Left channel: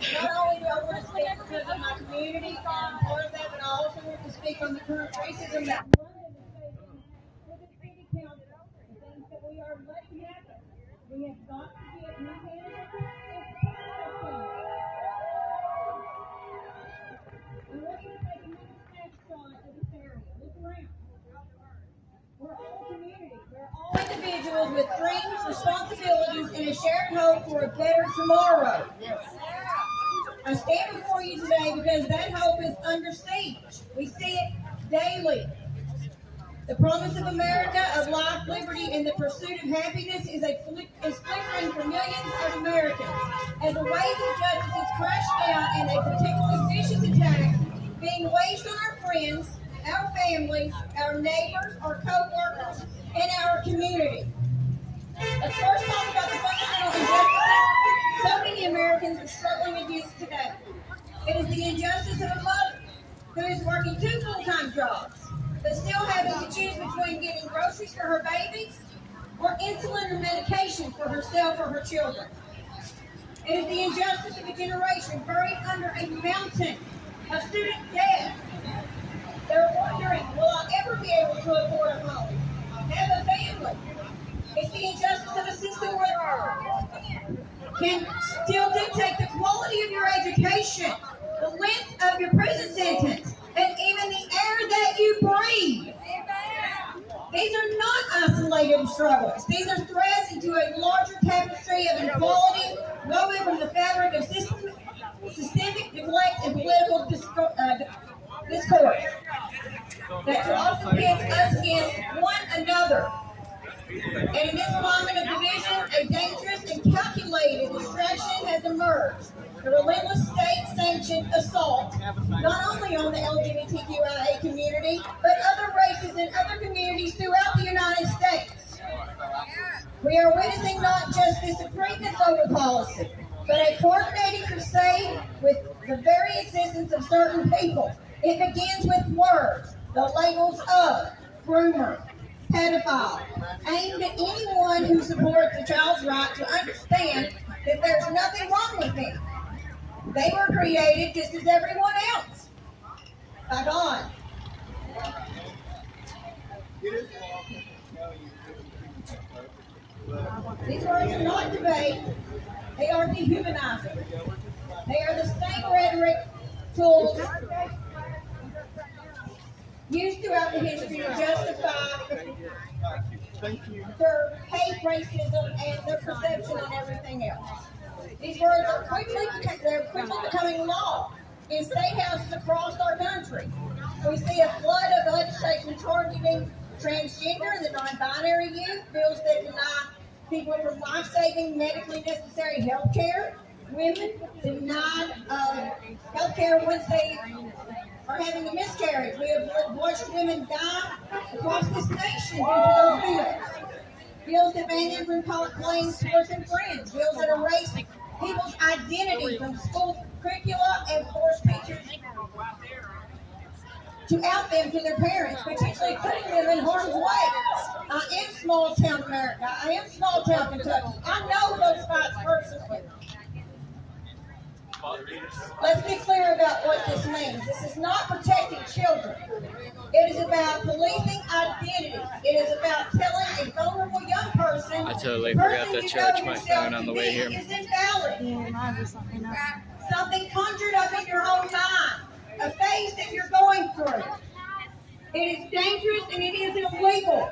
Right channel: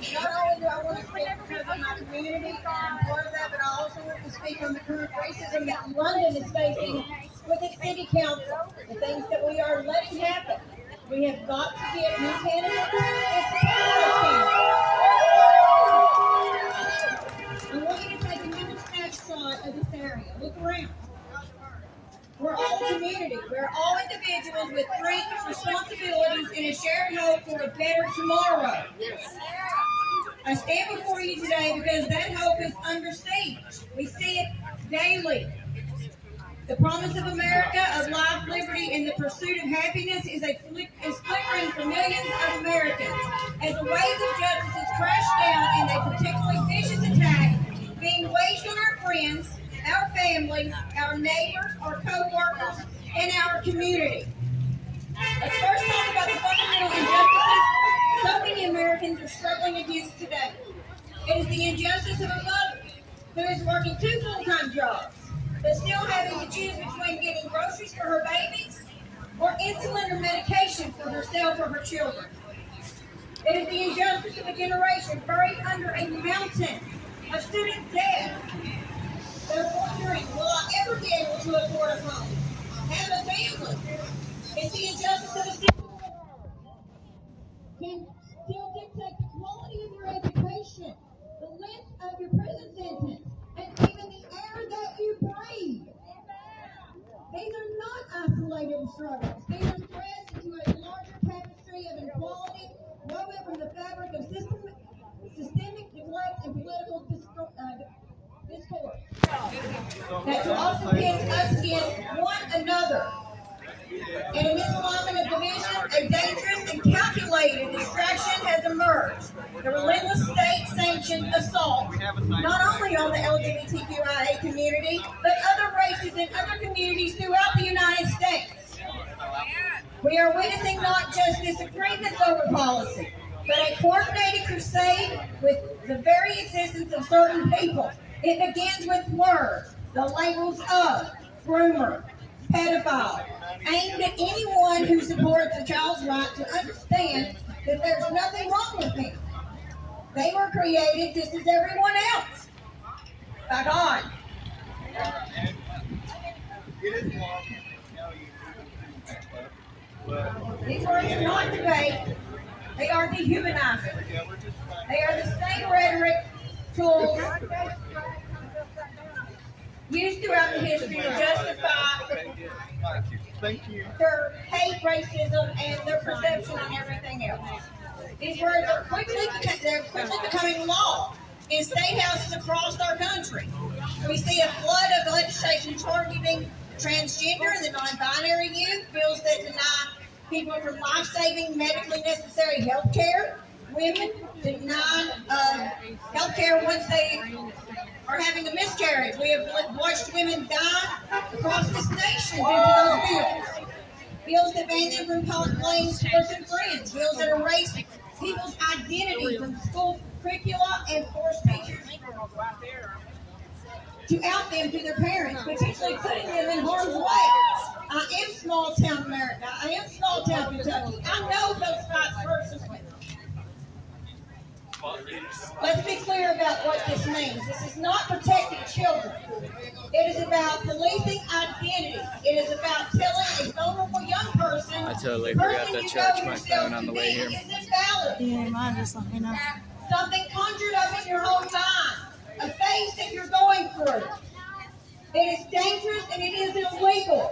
Not only do I want to speak because of my community and I'm part of that, but I also want to speak on the current racism that London is facing with its city council, the things that we are letting happen. We have got to get new candidates and support those candidates. I want you to take a mental snapshot of this area. Look around. We're all community. We're all individuals with dreams, responsibilities, and a shared hope for a better tomorrow. I stand before you today because that hope is under siege. We see it daily. The promise of America, of life, liberty, and the pursuit of happiness is flickering for millions of Americans as the waves of justice has crashed down and a particularly vicious attack being waged on our friends, our families, our neighbors, our co-workers, and our community. Let's first talk about the fundamental injustices so many Americans are struggling against today. It is the injustice of a mother who is working 2 full-time jobs, but still having to choose between getting groceries for her babies or insulin or medication for herself or her children. It is the injustice of a generation buried under a mountain of student debt. They're wondering, will I ever be able to afford a home, have a family? It's the injustice of a system where can still dictate the quality of your education, the length of your prison sentence, and even the air that you breathe. These are not isolated struggles. These are threads into a larger tapestry of inequality woven from the fabric of systemic neglect and political discourse that also pits us against one another. And in this climate of division, a dangerous and calculated distraction has emerged. The relentless state-sanctioned assault, not only on the LGBTQIA community, but other races and other communities throughout the United States. We are witnessing not just disagreements over policy, but a coordinated crusade with the very existence of certain people. It begins with words, the labels of groomer, pedophile, aimed at anyone who supports a child's right to understand that there's nothing wrong with them. They were created just as everyone else, by God. These words are not debate, they are dehumanizing. They are the same rhetoric tools used throughout the history to justify their hate, racism, and their perception on everything else. These words are quickly becoming law in state houses across our country. We see a flood of legislation targeting transgender and the non-binary youth, bills that deny people from life-saving, medically necessary health care, women denied health care once they are having a miscarriage. We have watched women die across this nation due to those bills. Bills that ban them from playing sports and friends. Bills that erase people's identity from school curricula and force teachers to out them to their parents, potentially putting them in harm's way. I am small town America. I am small town Kentucky. I know those fights personally. Let's be clear about what this means. This is not protecting children. It is about policing identity. It is about telling a vulnerable young person. I totally forgot to charge my phone on the way here. Is invalid. Yeah, mine just let me know. Something conjured up in your own mind. A phase that you're going through. It is dangerous and it is illegal.